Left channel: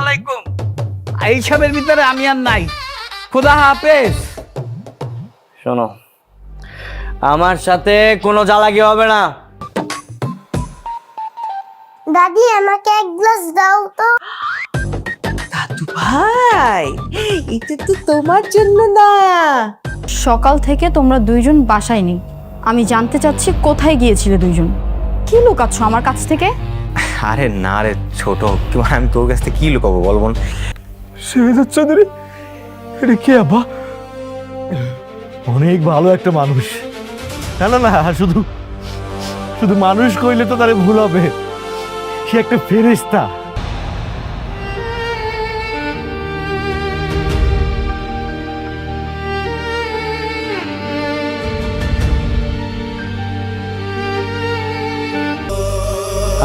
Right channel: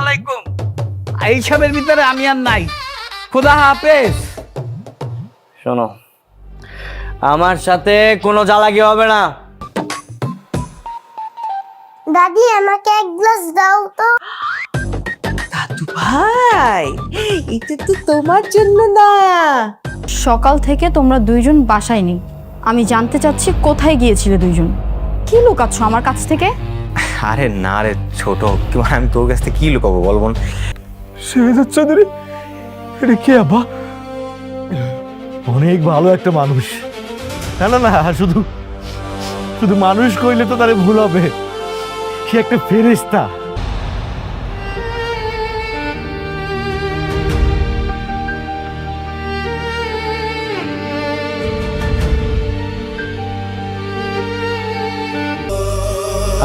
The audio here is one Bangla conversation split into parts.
আলাইকুম। এইসবের ভিতরে আমি আর নাই। খোদা হাফেজ। শোনো, আমার সাথে কোনো জ্বালাকি হবে না। দাদি আমাকে এক গ্লাস দাও তো। দাদু ভাই, এটা তো তোমার জন্য না। সকাল থেকে তোমরা দুইজন বাসায় নেই। আমি জানতে চাচ্ছি কোথায় গিয়েছিলে দুইজন? কি লুকাচ্ছ আমার কাছ থেকে? আরে না রে ছোট, আমি তোর কাছ থেকে কি লুকাবো বল বোন? শেহজাদ চৌধুরী, এটা কে আব্বা? অনেক ভালো একটা মানুষ। না না না, শুধু শুধু মানুষ কইলে তো তারে ভুল হবে। সে একটা ফেরেশতা।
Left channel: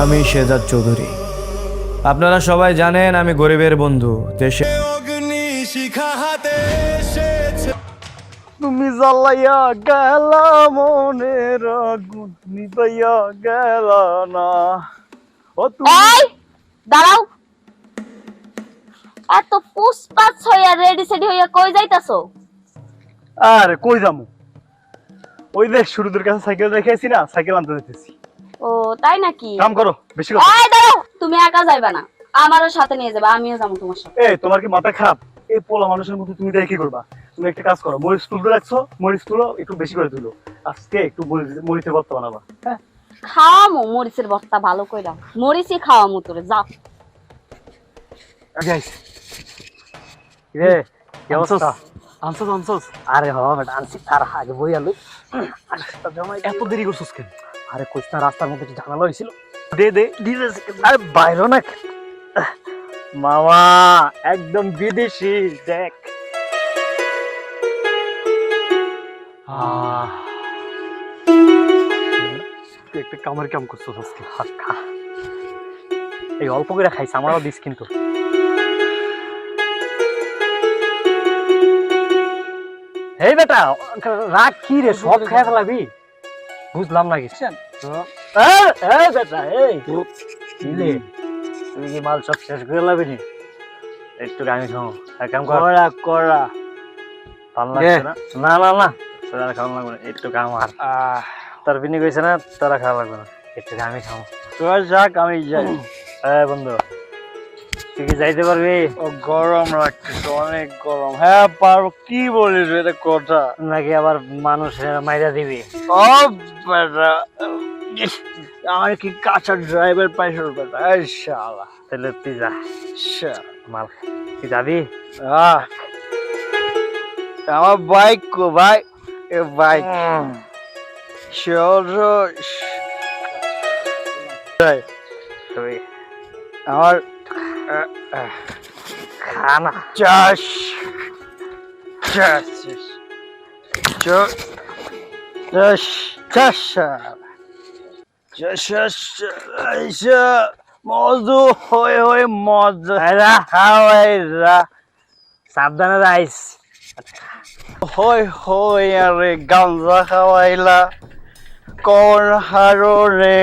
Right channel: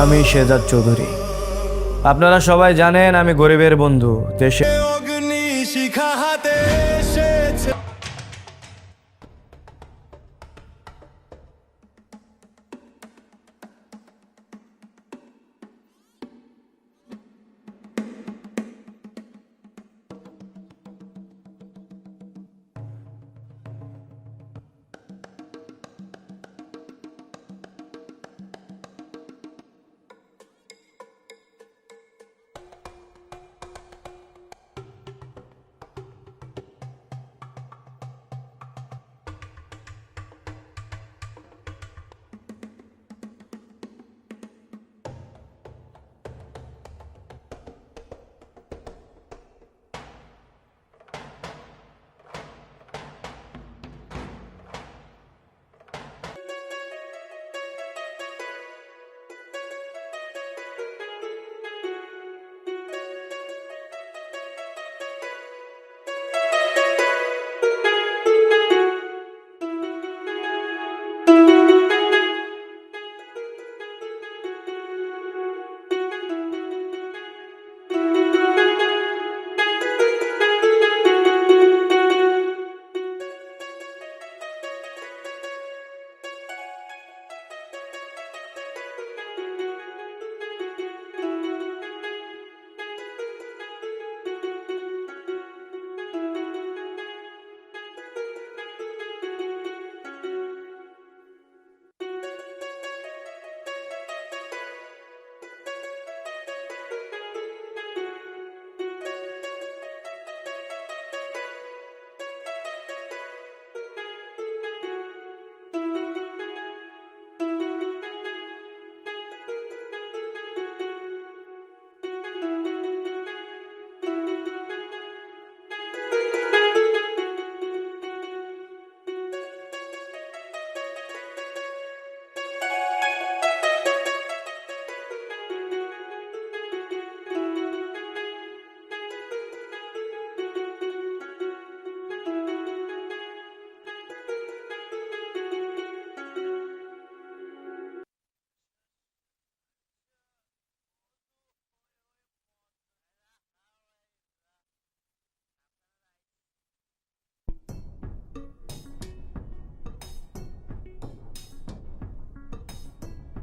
আমি শেহজাদ চৌধুরী। আপনারা সবাই জানেন আমি গরিবের বন্ধু। দেশে তুমি জ্বালাইয়া গেলা মনের আগুন নিভাইয়া গেলা না। ও তুমি এই দাঁড়াও, এত পুষ্পাত হইয়া রেডি সেডি হইয়া কই যাইতাছো? আরে কই যামু? ওই দেখ শুরুদের কাছে সাইকেল রেখেছি না, সাইকেল আনতে যেতেছি। ও তাই নাকি? কাম করো, বেশি কথা। এই দাঁড়াও, তুমি একা যাইবা না, আমারও সাথে নিয়ে যাবে, আমিও যাবো তোমার সাথে। এই তোমার কি মাথা খারাপ? এই পোলা মানুষের মতো তুমি দেখে কি করবা? তুমি একটা কাজ করো, মরিচ তুলতে রাখছো, মরিচ তুলো একটু বেশি করে তুলো। আজকে একটু মরিচের ভর্তা বানাবা। হ্যাঁ, খাওয়ামু মরিচের ভর্তা ভালো কইরা, মরিচই খাওয়ামু তোরে, যাও। রে কি অবস্থা? আনছস? আরে হ বেটা, আনছি। তার আগে বই আলু। এত দেরি করছস কেন? আরে কইছ না রাস্তার মধ্যে কি ঝামেলা হইছিল? দে দিতেছি। আরে বাইরো না মামা, একদম বিদেশি। দেখ তুই একটা কামের কাম করছস আজকে। হাত খা, এই অল্প করে খাইছ, আমারও দিস কিন্তু। এই বেটা রাগ কি রে, সব খেয়ে ফেলাবি? বুঝলাম না কিছু। বেটা এই তুই কি মাল সব শেষ করে লাবি নি? একটু আমি খাও, এক কাম করা করা। ভাল লাগছে না? না না না, তোরা খাওয়া লাগবে না, একটু কাম। আর তার বিনি কইছে না তোরা খাওয়া লাগবে না, একটু আমি খাও। তোরা যাক, আমি যাই। হ্যাঁ বন্ধু, তুই কি যাইতে পারবি? ও গরম লাগতেছে, অনেক গরম। হ্যাঁ পারবো। কি বলিস এটা কথা? নাকি আবার মানুষ মাইরা দিবি? ও বেটা, আমার কি কাঁচা ড্রাইভার পাইছো বেটা? এই শালা, তাহলে তুই যা। মাল তুই যাবি? আমার বাইক কো ভাই? এ বাইক আমার খানা চাষ মজু হয়ে মজা খাওয়াইরা। সাবধানে রাইস হই আরে গাঞ্জা খাওয়াইলা কোন হারনে,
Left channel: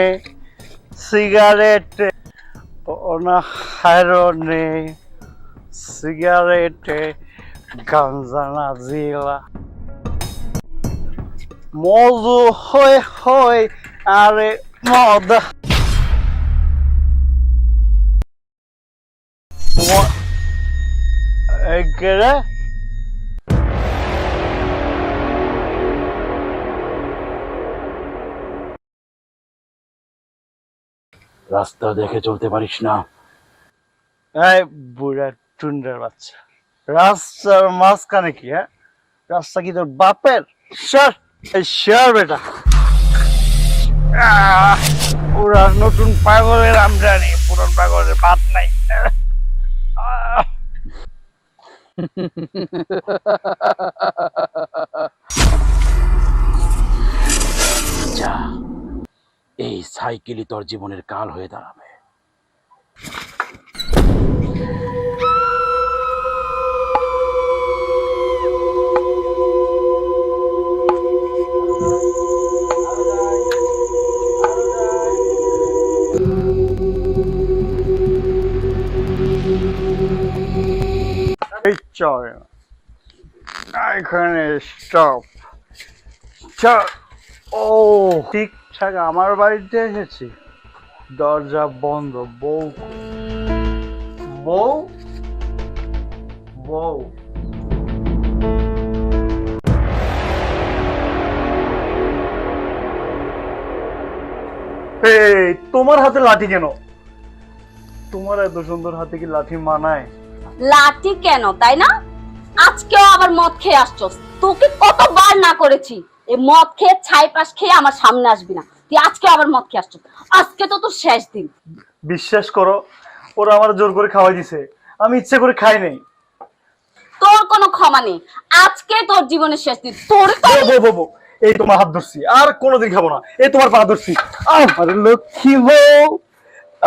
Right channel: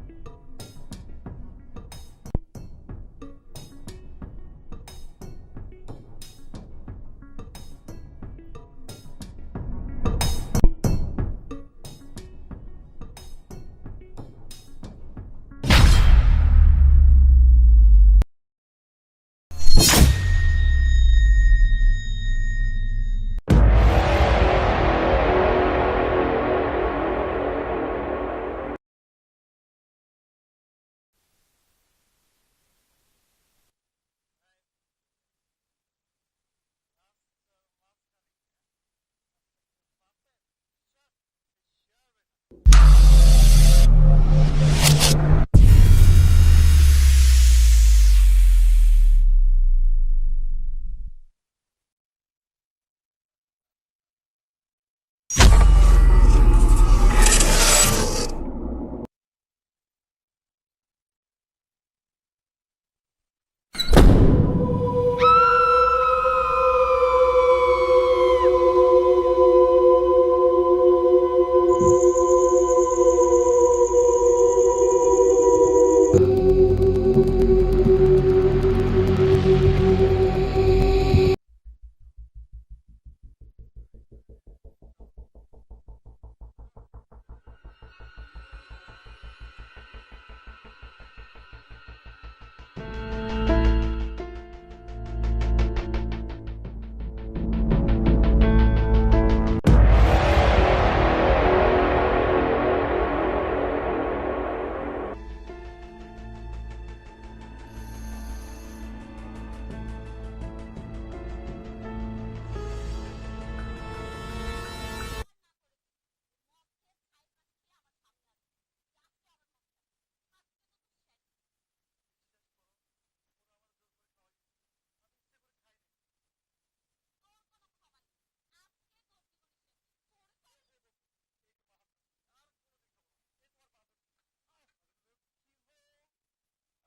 সিগারেটে হারনে, সিগারেটে গাঞ্জা না জিলা। মজু হই আরে মদ। রে রাস্তা দেখে চলতে পারিস না? এই বুড়া টুন্ডার বাচ্চা, রাস্তার মাঝখানে কি? হ্যাঁ, রাস্তা কি তোর বাপের? সর সর বেটা। পুরা নতুন পাগলের আমদানি, পুরান পাগলের বাদ নাই। এই সাইকেলই তোর জীবনের কাল হয়ে দাঁড়াবে। চলে না। এখানে স্টপ। ও ঠিকঠাক আমার বাড়িতে এসেছি, দরজা বন্ধ। বউ বউ বউ এই তোমার হাতে লাঠি কেন? তোমার এত সুন্দর হাতে কি লাঠি মানায়? লাঠি কেন তাই না? আজকেও আবার মদ খেয়ে আসছস। তোকে কতবার না করেছি এই মদ খেয়ে ছাই পাশ খেয়ে আমার সামনে আসবি না, তুই আজকে আবার মদ খেয়ে আসছস। আজকে তো তোর শেষ দিন। বিশ্বাস করো, ওরা আমার জোর করে খাওয়াই দিছে, আমি ইচ্ছে করে খাই নাই। তোর কোনো ক্ষমা নেই, আজকে তোর জীবনের শেষ দিন। তোর তো বউ, এই তোমার হাত ধরছি, আর কোনোদিন খাবো না। এই তোমার পা ধরছি। আরে লক্ষ্মী বউ,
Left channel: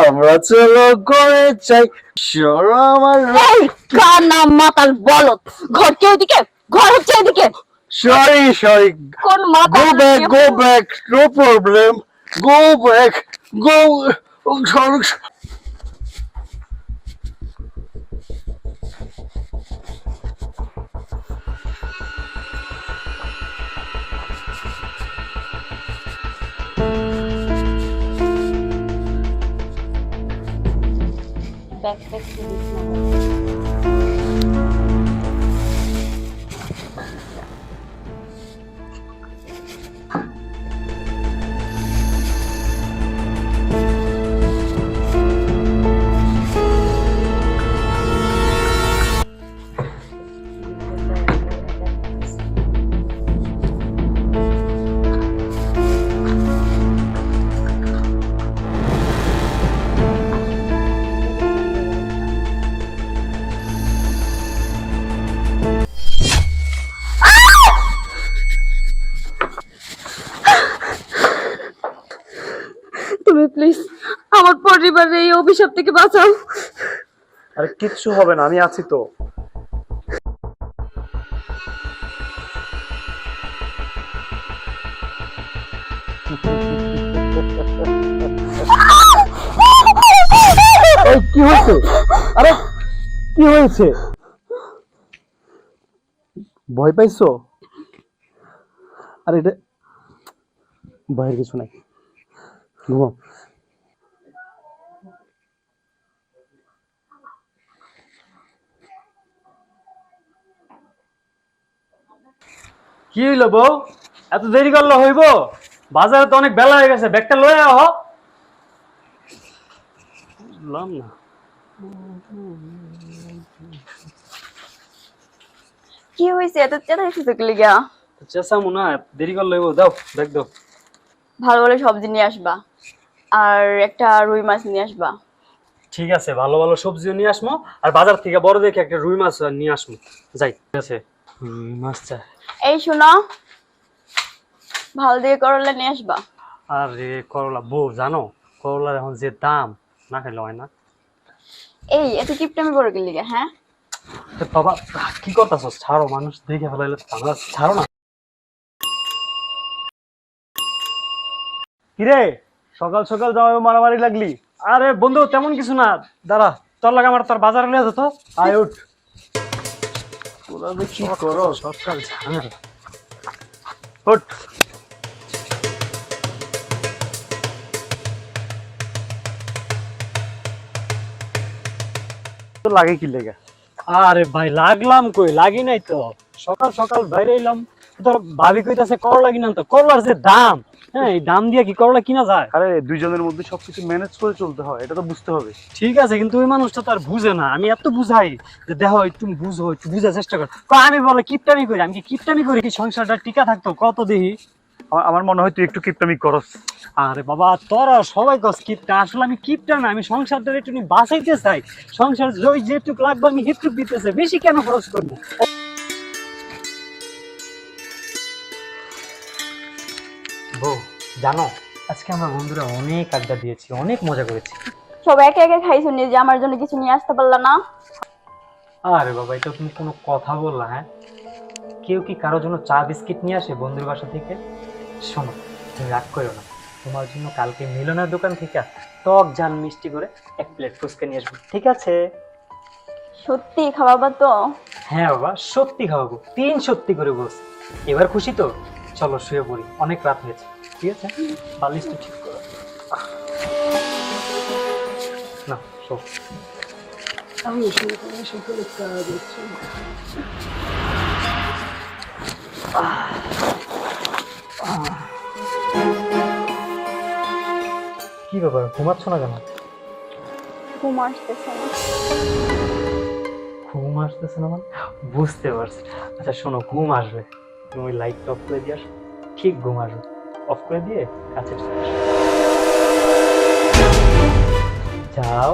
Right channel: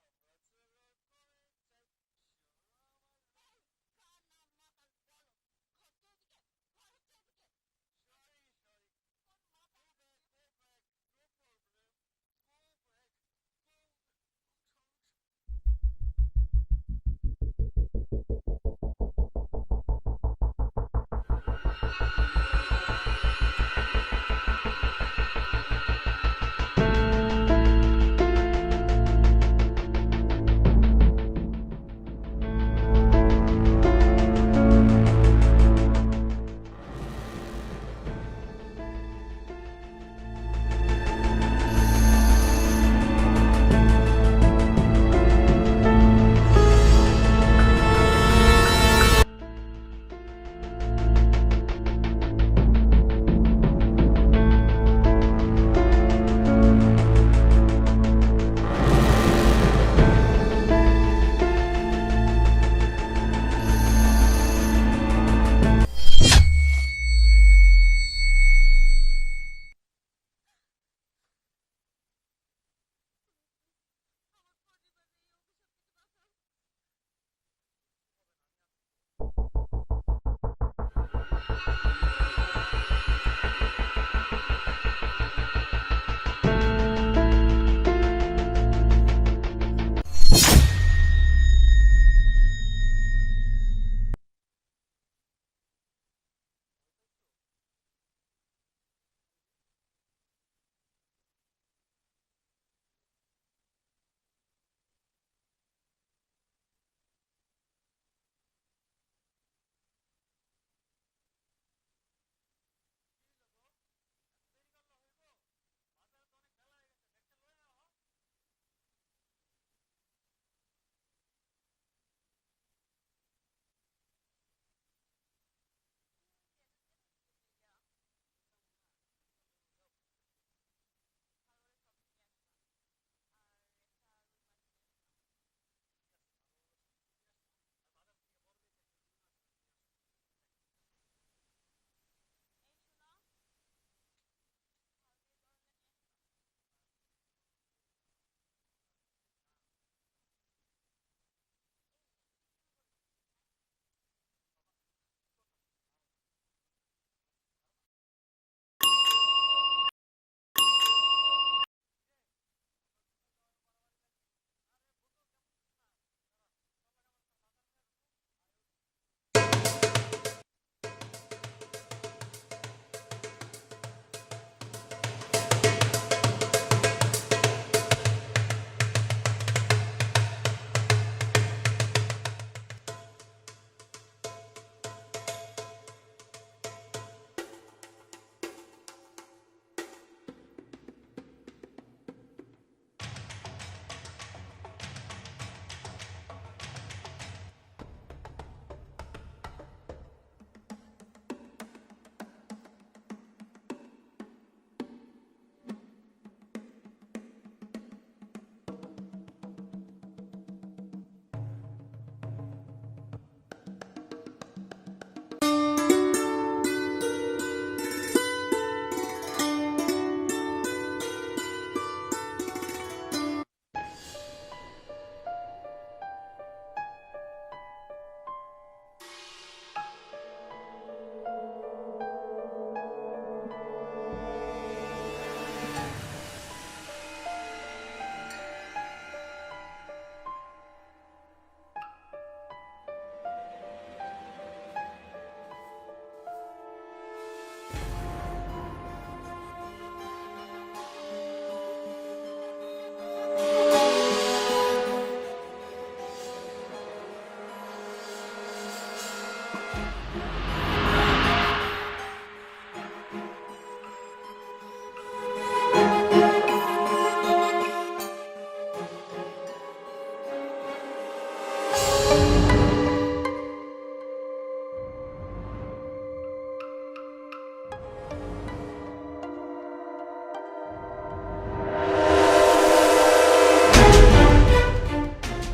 আমরা চলো করে চাই সরো আমার। এই কানা মাতাল বলদ, ঘর কে ওদিকে, ঘর হচ্ছে এদিকে। সরি কোন মাতাল go back, no problem, go back, go. তুমি প্লিজ আমার পরিবারের এই অভিশাপ থেকে বাঁচাও। আরে কিচ্ছু হবে না, আমি আছি তো। কি হয়েছে? আরে কি হয়েছে? ভয় পাইছো? আরে এটা ভয়ের কিছু নাই, ঘুমাও। কি হইলো বউ, এত দেরি করলে হইব? বাজারে তো অনেক বেলা হয়ে গেছে, ব্যাগটা লয়ে আহ। বুঝলাম না। কি হয়েছে এত চেঁচাইছিস লিগা? চেঁচামু না, দেরি করলে হইব। দাও ব্যাগ দাও। ভালো ভালো সবজি নিয়ে আসবা, আর একটা রুই মাছ নিয়ে আসবা। ঠিক আছে, ভালো ভালো সবজিও নিয়ে আসবো, আর বাজার থেকে বড় দেখে একটা রুই মাছ নিয়ে আসবো। যাই, ঠিক আছে। রুই মাছ চাই। এই শোনো, ভালো দিয়ে করলা নিয়ে আসবা। আরে করলা বউ, জানো করলার এখন যে দাম, না খেলে হয় না। এই এত কিপটামি করে গেলি গা? হ্যাঁ বাবা কি করতেছ? ছাড়ো, মানুষ দেখে ফেলাইলে ছাড়ো না। কিরে সকাল সকাল জামাই মারামারি লাগলি? আরে বন্ধু তেমন কিছু না, দাঁড়া তোর লাগে আমার তোর বাজারে নিয়ে যেত। আয় উঠ। তোরা যে কি করো সরকার ঝামেলা। উঠ। তো লাগে কি লেগে? আরে ভাই লাগলাম কই, লাগি নাই তো। সকাল সকাল বাইরে এলাম, তোর ভাবি কইতাছে করলা কিনা, তো করলার যে দাম, হ্যাঁ এই দাম দিয়ে কি করলা কিনা যায়? আরে দুইজনের মধ্যে সবকিছু ম্যানেজ করে চলতে হয়, এটা তো বুঝতে হবে। ঠিক আছে, কিন্তু ওই মানুষটা তো আর বুঝে না। আমি এত বুঝাই যে দেখো একটু বুঝো, একটু বুঝার চেষ্টা কর। আমি বলে কিপটামি করি, আমি কি কিপটামি করি কি সংসারটা টিকা থাকতো? কত দেখি। আমার মনে হয় তুই একটু কিপটামি করস। আরে বাবা তোরা সবাই কস কিপটা, আসলে আমি কিপটা না, আমি সংসারটা একটু বাঁচাইতে চাই। সংসার যেটুকু লাগবে আমি সেটুকু দিতেছে, বেশি কেন খরচ করবো? জানো আজকে আমার বন্ধুরা অনেক আড্ডা দিয়েছি, অনেক মজা করেছি। সব একে একে খাইছো, নিয়ে যে আমার জন্য কিছু নিয়ে আসতে পারলা না? আরে বাবা এটা তুমি কোনো কথা বললা? হ্যাঁ, কেউ কি কারোর জন্য চা বিস্কিট নিয়ে আসে বন্ধুর বাসা থেকে? শোনো, তুমি রাগ করো না, তোমার জন্য কালকে মিলনের দোকান থেকে টক ঝাল মিষ্টি করে 1 প্লেট ফুচকা নিয়ে আসবো, ঠিক আছে? সত্যি খাওয়াবা তো? হ্যাঁ বাবা, সত্যি খাওয়াবো, 3 সত্যি করে বলছি। এবার খুশি তো? চলো শুয়ে পড়ি, অনেক রাত হয়েছে। ঠিক আছে, বালিশটা ঠিক করো। না শো, আমি শুয়ে পড়ি, সকালে কাজ হচ্ছে। কি ব্যাপার, ঘুমাচ্ছ না কেন? ঘুম আসতেছে না। ঘুম আসতেছে না মানে? বুঝতে পারছি। আচ্ছা শোনো, ঘুম আসবে, তুমি লাইট অফ করে দিয়ে আসো, ঠিক ঘুম আসবে। অফ করে দিয়ে কাছে যাও।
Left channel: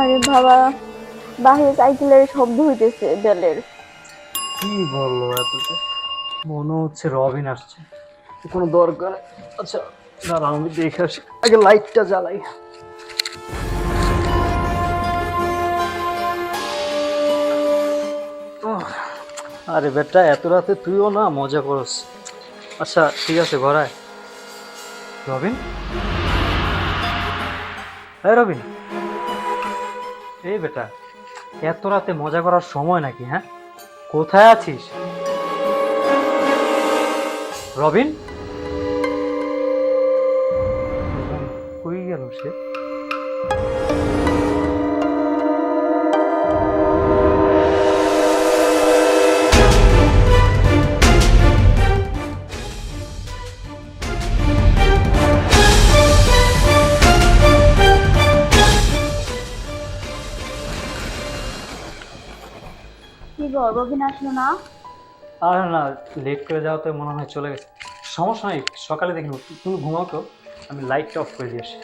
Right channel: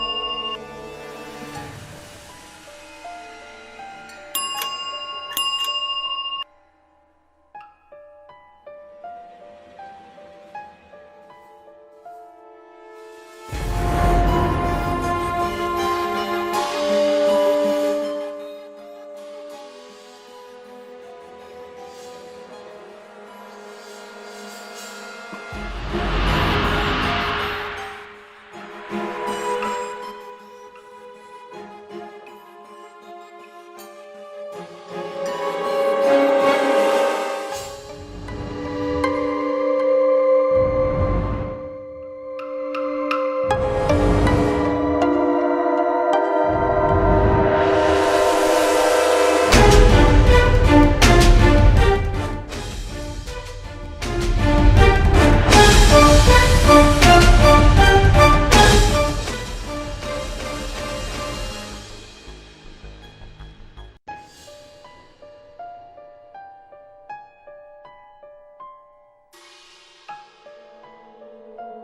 আরে বাবা, বাহিরে সাইকেলের শব্দ হইতেছে বেলের। কি বললো এতটা? মনে হচ্ছে রবিন আসছে। কোনো দরকার? আচ্ছা দাঁড়াও, আমি দেখে আসি, আগে লাইটটা জ্বালাই। আরে বেটা, এত রাতে তুইও না মজা করস। আচ্ছা ঠিক আছে, ঘরায়। রবিন, হ্যাঁ রবিন, এই বেটা, এত রাতে মজা করার সময় নাকি? হ্যাঁ, কোথায় আছিস রবিন? কই গেল সে? কি গো, রবিন আসলো না? আর না, লেট করে যাওয়া তো মনে হয় চলে গেছে। সমস্যা নেই, সকালে দেখি। তুমি ঘুমাও তো, আমি লাইটটা অফ করে দিয়ে আসি।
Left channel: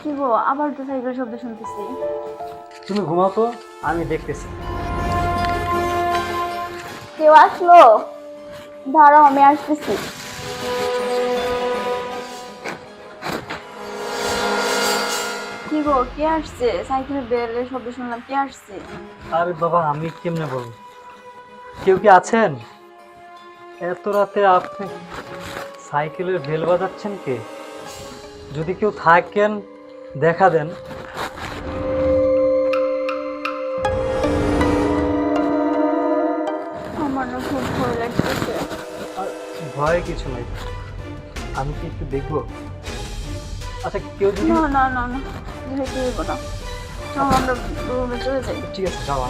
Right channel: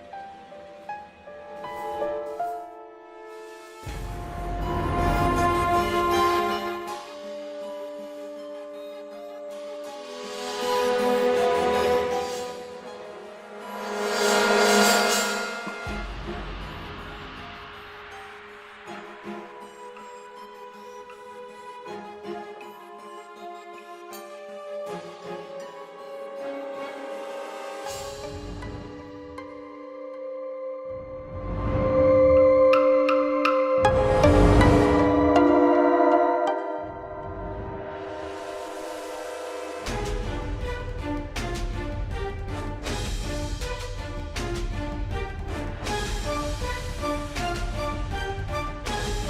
কি গো, আবার তো সাইকেল শব্দ শুনতেছি। তুমি ঘুমাও তো, আমি দেখতেছি। কেউ আসলো? দাঁড়াও, আমি আসতেছি। কি গো, কে আসছে? সাইকেলের বেলের শব্দ শুনলাম, কে আসছে? আরে বাবা, আমি কেমনে বলবো? কেউ কি আছেন? এত রাতে আপনি সাইকেলের বেল বাজাচ্ছেন কে? যদি কেউ থাকেন দেখা দেন। আমার না খুব ভয় লাগতেছে। আর ভয় কিছু নেই, আমি কি একটু দেখবো? আচ্ছা কেউ যদি... না না না না, যেহেতু হইব না, চলো আমরা রুমে চলে যাই। ঠিক আছে, যাও।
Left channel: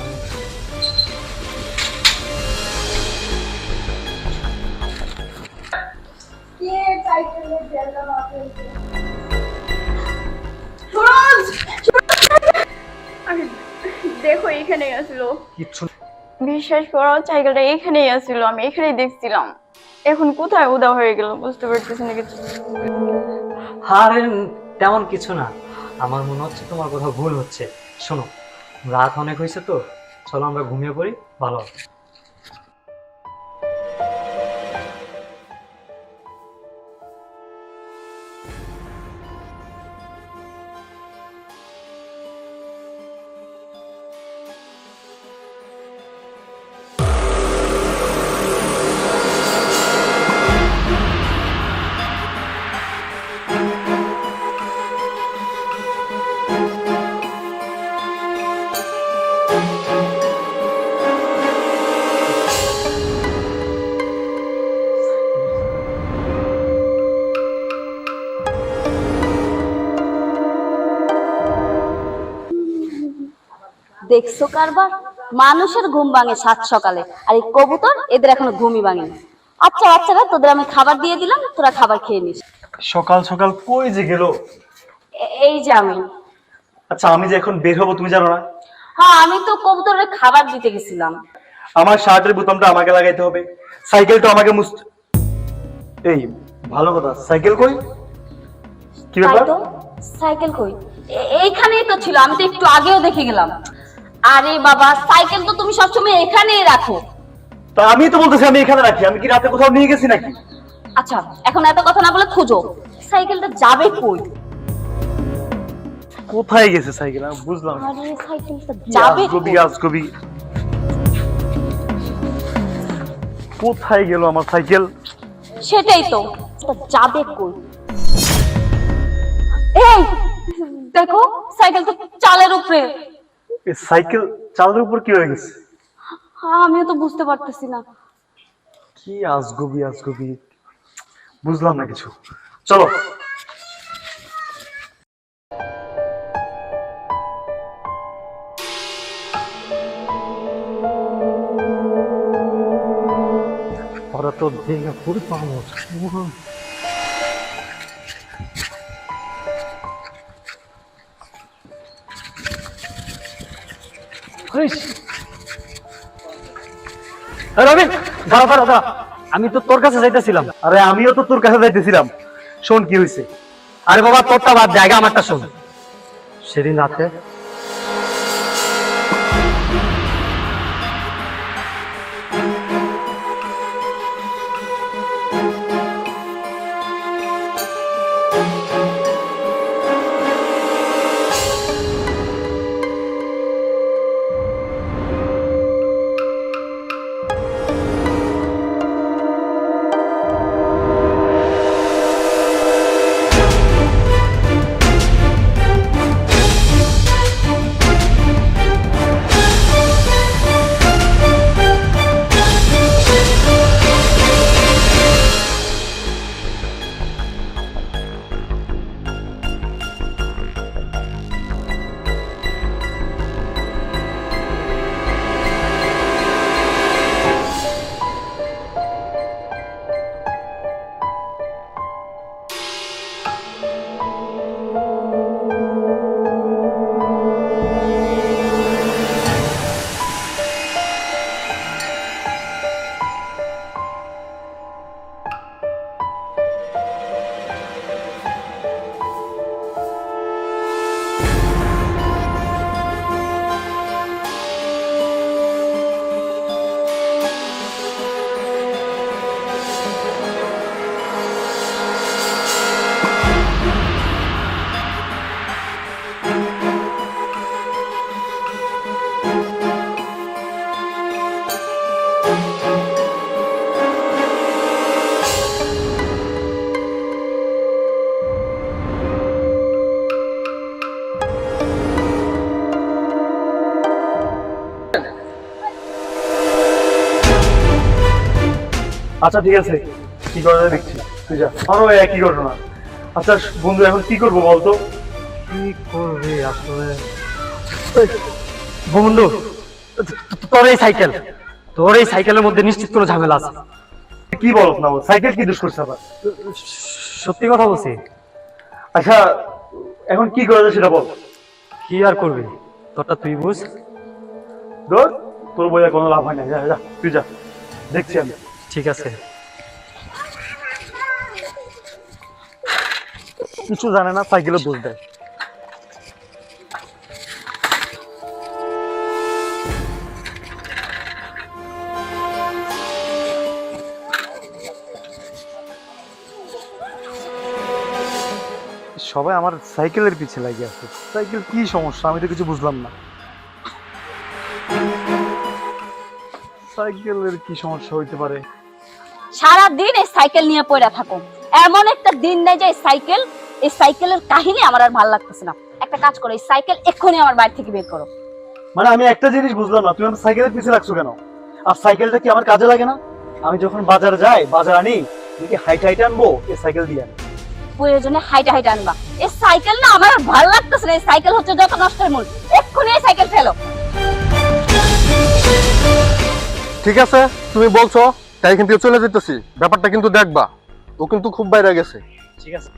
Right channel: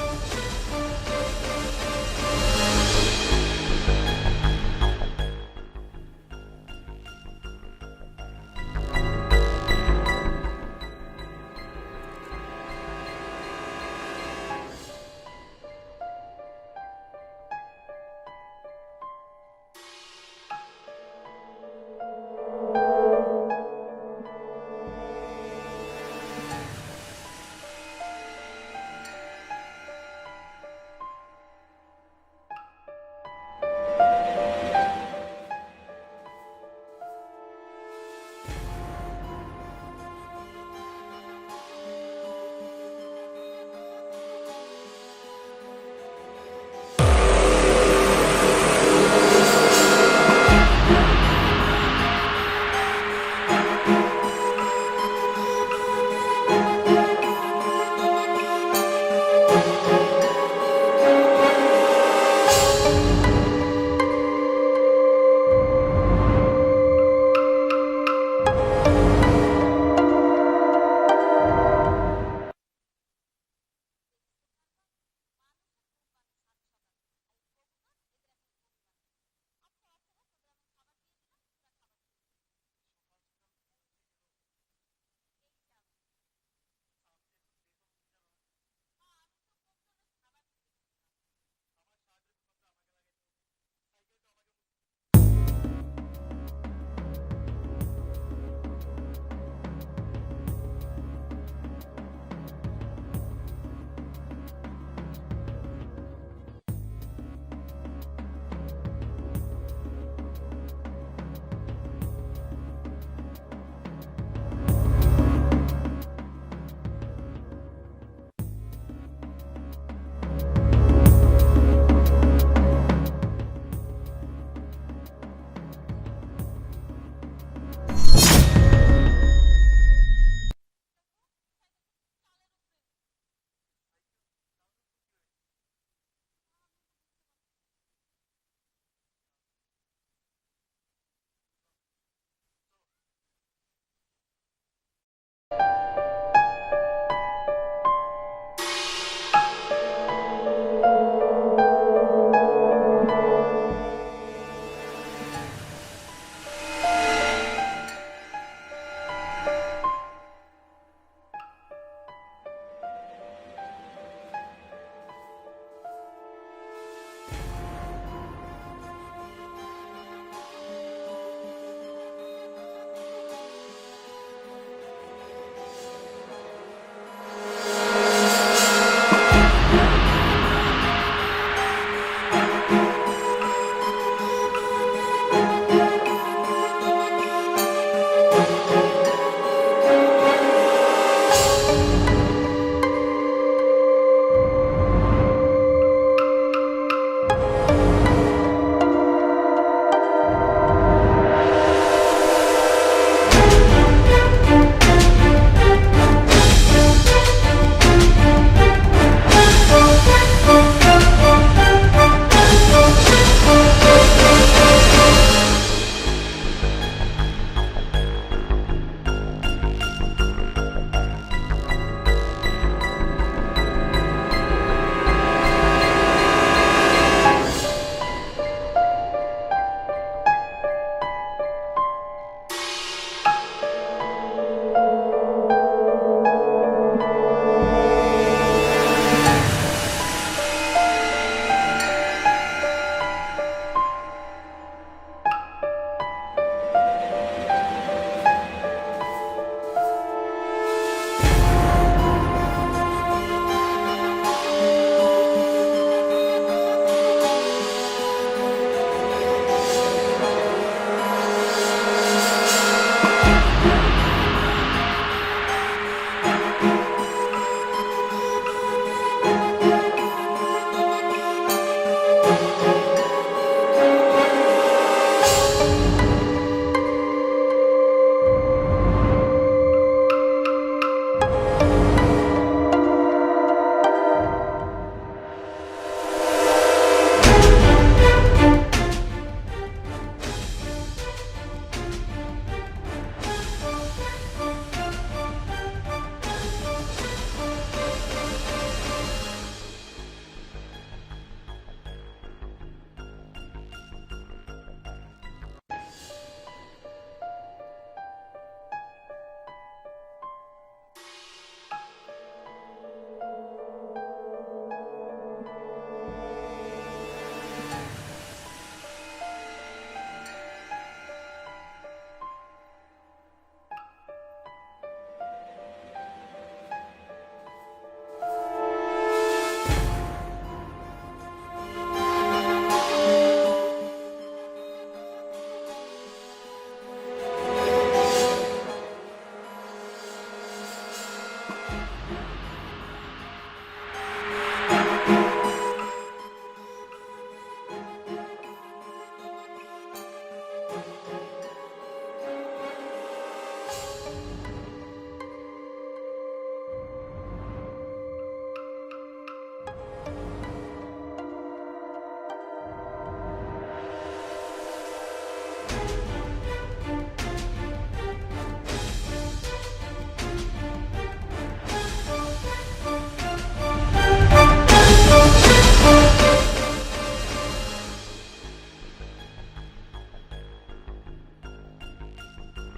আমি দেখো, এখানে আসলো। কিচ্ছু বিশ্বাস করো, সাইকেলটা এখানেই আসছিল, আমি এখানেই দেখছিলাম। এখন কোথায় উদা হয়ে গেল বুঝতে পারতেছি না কিছু। আরে তেমন কিছু না, আমার মনে হচ্ছে তোমার কোথাও ভুল হচ্ছে। শোনো, রাত অনেক হয়েছে তো, চলো আমরা ঘুমিয়ে পড়ি, ভালো হবে। দেখছো কারবার, মানুষের ঘুম ভাঙে সাত সকালে, আর এই কবুতর এদের এখনো ঘুমই ভাঙেনি। আচ্ছা বাচ্চারা, তোদের আমি খাবার দিয়ে দিলাম, তোরা খাবার খেয়ে নিস। সকাল সকাল কই যে গেল? এই যে আমি। আচ্ছা আমি যে এখন বের হবো তুমি জানো না? হ্যাঁ, আমি তো কবুতরের খাবার দিতে গেছিলাম। আমার শার্টের বোতামটা আমাকে লাগাইতে হবে, সাইকেলটা আমাকে মুছতে। এই ভালো কথা, সাইকেল কই? কি তাই ব্যাপার? তো, সাইকেল কই? এইখানেই তো ছিল, আমি তো একটু আগেও দেখে গেলাম। আরে বাবা, সাইকেল তো তুমি সবসময় এখানেই রাখো। তা আমি তো বলতেছি আমি এখানে রাখি, আমি কি রাতে কোথাও নিয়ে গেছি নাকি? আচ্ছা, এখন এত কথা না বলে খুঁজো, সাইকেলটা যাবে কই? কোথায় গেছে সাইকেল আমি বুঝলাম না। আরে সাইকেলটা যাবে আজগবি কই? আজগবি, কোথায় গেল আমার সাইকেল? সেটাই তো, এটা যাবে কই? এই দেখো, সাইকেল তো চালের উপরে। এই সাইকেল চালের উপর কি হয়ে গেছে? আমিও তো বুঝতে পারতেছি না। কি আজগবি আজগবি, বুঝলাম না কিছু। চলো। ওরা তো ভেঙে পুরো পাবো। রবিন, দাঁড়া দাঁড়া দাঁড়া, আমি তো তোর কাছে যাইতেছিলাম। আরে আমিও তো তোর কাছে যাইতেছিলাম। শোন কি হয়েছে। আরে বাবা, তোরটা বাদ, জায়গা আমারটা শোন। সেদিন রাতে আচ্ছা ঠিক আছে, কি করা যায় দেখছি, তুই যা। আমারও একই ঘটনা। আচ্ছা বন্ধু, এখন কি করবো বলতো? কি করবি আসলে? বন্ধু, তোর এই সাইকেলের মধ্যে নিশ্চিত কোনো ঝামেলা আছে। কি বলত না, সাইকেল কি দোষ করছে আবার? সত্যি কথা বলছি। আচ্ছা এখন কি করা যায় সেটা বল। কি আর করবি, তোরটা তুই বুঝ। ধর, তোর বইয়া কোনো লাভ হয় না, যা যা তুই যা, দেখছি আমি। ঠিক আছে। কিছু জানে না, সাইকেলে দোষ দেয়। সবাই আমার সাইকেলের পিছে লাগে আছে। সাইকেল কি সমস্যা আমি তো কিছু বুঝলাম না। সাইকেলের কি সমস্যা হইতে পারে? সারাদিন এই সাইকেল নিয়ে পড়ে থাকো, এমন একটা দিন নেই যে এই সাইকেলের কাহিনী আমার আর ভালো লাগতেছে না। একটা কাজ করো, এই সাইকেল এক্ষুনি আমার বাড়ি থেকে বের করো। মানে আমি একটা জিনিস বুঝলাম না, তুমি আমার সাইকেলের পিছে লাগছো কেন? আর সাইকেলটা কি আমার কাজে লাগে না? আমি যখন বাজার যাই, বাজার আনি, তুমি কি হাইট হাইট আনবো এই সাইকেল দিয়ে? প্রয়োজনে হাইটা হাইটা আনবা। এই সাইকেল না আমার আর ভালো লাগতেছে না। এই সাইকেল হচ্ছে যত নষ্টের মূল। এক্ষুনি এই সাইকেল ফেলো। ঠিক আছে, তুমি বলছো তাই কিন্তু চলে যেতেছি। ব্যাপারটা কিন্তু দেখবা, ও কিন্তু খুব বাইরে গেছে। ঠিক আছে।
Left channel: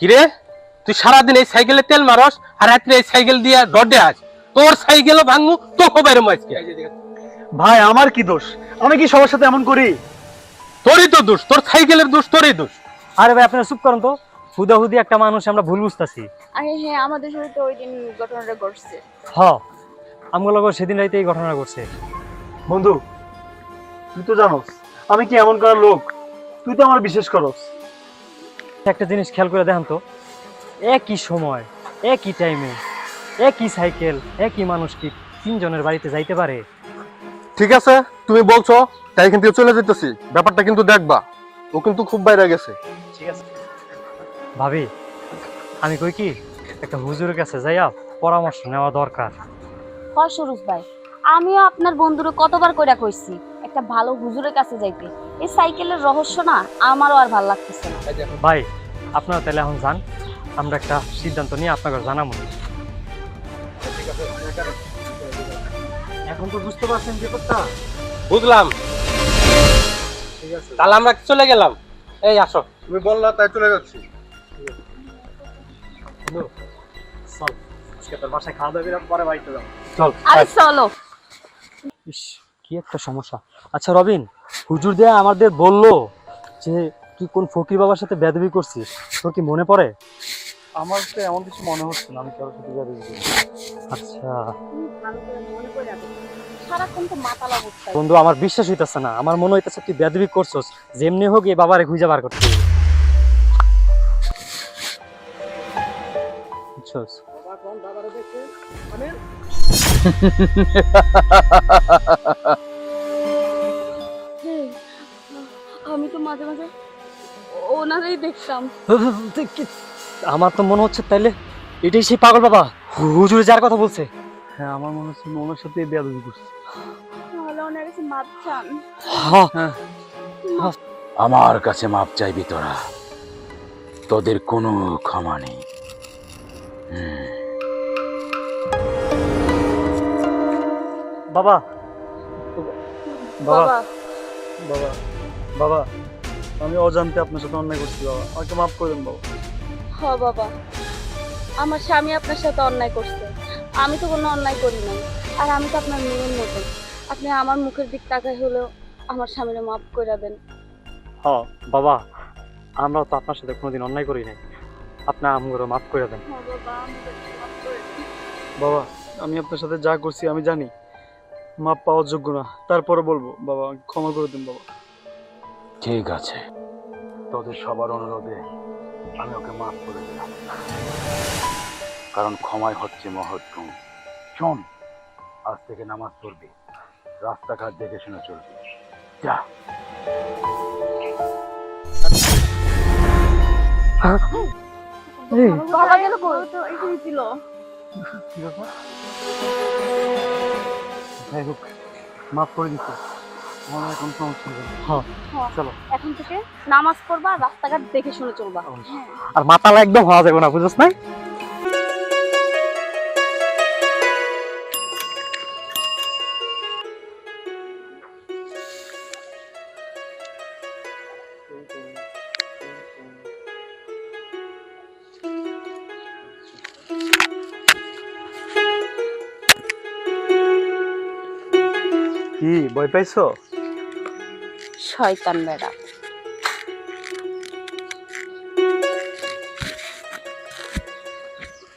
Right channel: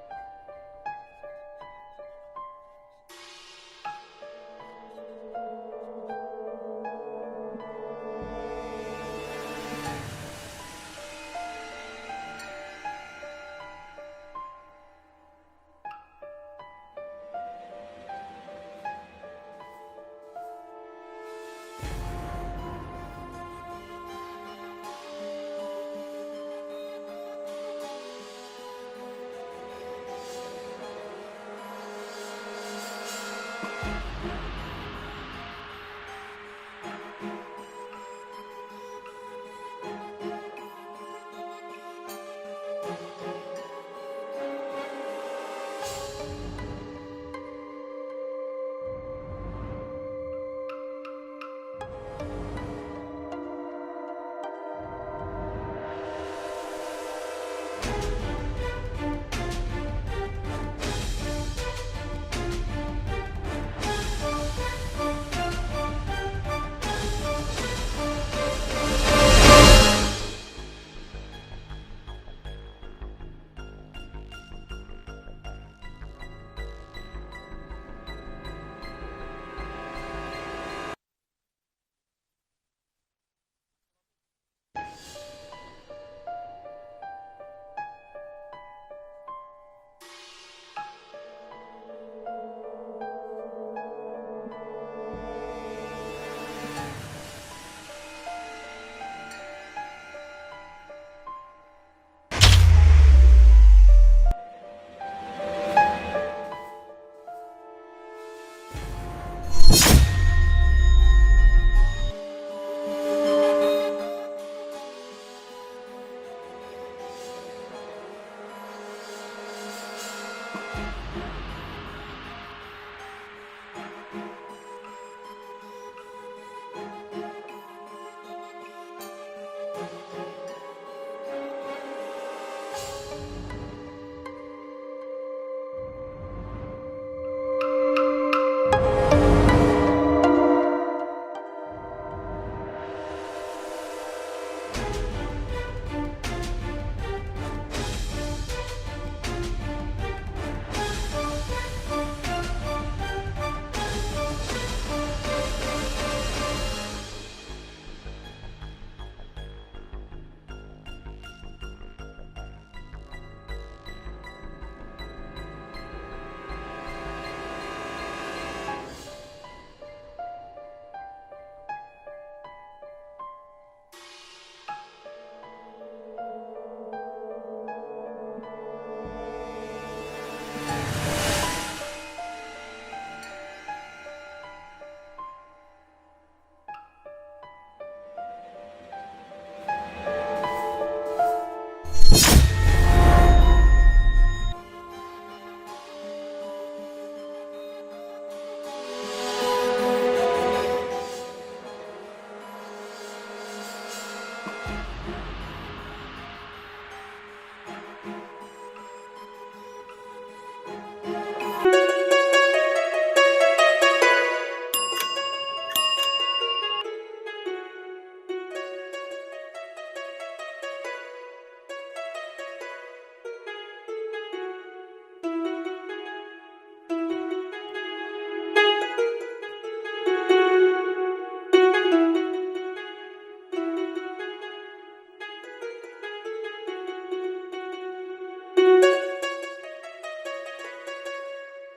কিরে তুই সারাদিন এই সাইকেলে তেল মারস আর রাত্রে এই সাইকেল দিয়ে ডডে আস, তোর সাইকেলও ভাঙু তোকে বাইরে মাইকে। ভাই আমার কি দোষ? আমি কি সবার সাথে এমন করি? তোরই তো দোষ, তোর সাইকেলের দোষ, তোরই দোষ। আরে ভাই আপনারা চুপ করুন তো, হুদাহুদি একটা মানুষ আমরা ভুল বুঝতেছি। আরে হ্যাঁ, আমাদের সাথে তো ওই দিন ঘটনাটা ঘটছে। হ্যাঁ আমগুলো সেদিন রাইতে এই ঘটনা ঘটছে। বন্ধু তুই তো জানোস আমি কি এমন করার লোক, তুই তো আমার বিশেষ করস। একটা জিনিস খেয়াল করে দেখেন তো, একই সময় একই টাইমে একই সাইকেল একই মানুষ কি তিনজনের বাড়িতে যাইতে পারে? ঠিক আছে তুমি বলছো তাই এখান থেকে চলে যেতেছি, ব্যাপারটা কিন্তু দেখবা, ও কিন্তু খুব বাইরে গেছে। ঠিক আছে ভাবি, আমি কই কি একটা হুজুরের কাছে যাইয়া পরামর্শ নেওয়া দরকার। হয় সুরজ ভাই, আমিও আপনার বন্ধুরে কতবার কইরা কইছি একটা ভালো হুজুরের কাছে যাইতে। এই সাইকেলের রহস্য না আমারও আর ভালো লাগতেছে না। ভাই আপনারা তাহলে এখন যান, আমরা একটা সিদ্ধান্ত নিয়ে আপনাকে জানাবো। এখন তো বুঝতে পারছেন যে কথা? বুঝলাম, তাহলে আমরা চলে গেলাম। এই আসো। তুমি বললা তাই চলে যাচ্ছি। চল আজকে তোর বাসায় খাওয়া দাওয়া করে পরে বাড়িতে যাও। চল। আরে চলো। ইস কি একটা সমস্যা। আচ্ছা রবিন, হুজুর দেয়া আমাদের বললো যে তুই কোন ফকির বাবার সাথে বেয়াদবি করছিস, তোর কি মনে পড়ে? আমার তো এমন কিছু মনে হচ্ছে না আমি কারোর সাথে বেয়াদবি করি। আচ্ছা সারাক্ষণ তো মাথা লাগুচ্ছে। বন্ধু আমার বিশ্বাস হইতেছে না, আমার মনে হইতেছে তুই বেয়াদবি করছস, যেমনি হোক এই বাবারে খুঁজে বার করতে বুঝছস? আমি তো মাঝে মাঝে ওনারই দেখতাম। আমার তো মনে হচ্ছে তাইলে এটাই সেই পাগল বাবা হুজুরে যার কথা বলছে। হ্যাঁ আমার মনে হচ্ছে ওনার সাথে বেয়াদবি করছি। তাহলে ওনার কাছে মাপ চান। হ্যাঁ আমার কাছে মাপ চাইবি তোরা, তোদের কোনো ক্ষমা নেই। বাবা বাবা বাবা বাবা বাবা আমি অজান্তে আপনার সাথে অন্যায় করছি বাবা, আমাকে মাফ করে দেন বাবা। হ বাবা, আমার স্বামী আপনার সাথে অন্যায় করছে, আমি তো কোনো অন্যায় করি না। আর আমি তো আপনার মেয়ের মতো, আপনি আমার মুখের দিক তাকাই হলেও আমার স্বামীরে মাফ করে দেন। হ্যাঁ বাবা, আমরাও তো আপনার সাথে কোনোদিন অন্যায় করি নাই, আপনার আমগুলো মাফ করে দেন। বাবা আমি আপনার সাথে যা করছি আমি জানি মাপ পাওয়ার যোগ্য না, তারপরে বলবো বাবা ক্ষমা করে দিন বাবা। ঠিক আছে, তোদের সবার অনুরোধে আমি ওকে মাফ করে দিলাম, কারণ ক্ষমাই হচ্ছে মহত্তম। শোন, আজ থেকে নামাজ পড়বি, রাস্তাঘাট দেখে শুনে চলবি। যা। বাবা গেল কই? তো এখানে ছিল। যাই হোক মাফ করে দিচ্ছি, আমার আর কোনো সমস্যা নেই। হ্যাঁ চলো এখন থেকে নামাজ পড়বা, রাস্তাঘাট দেখে শুনে চলবা। আর মাতালা একদম হওয়া যাবে না, বুঝছ না? কি ভয় পাইছো? শয়তান বেড়া।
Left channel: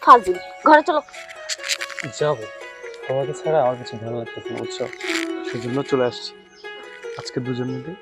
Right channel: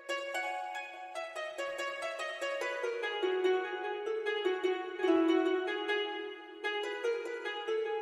ফাজিল, ঘরে চলো। যাবো, তোমাকে ছাড়া আমার কিছু ভালো লাগতেছে না বুঝছো, সেজন্য চলে আসছি। আজকে দুজন মিলে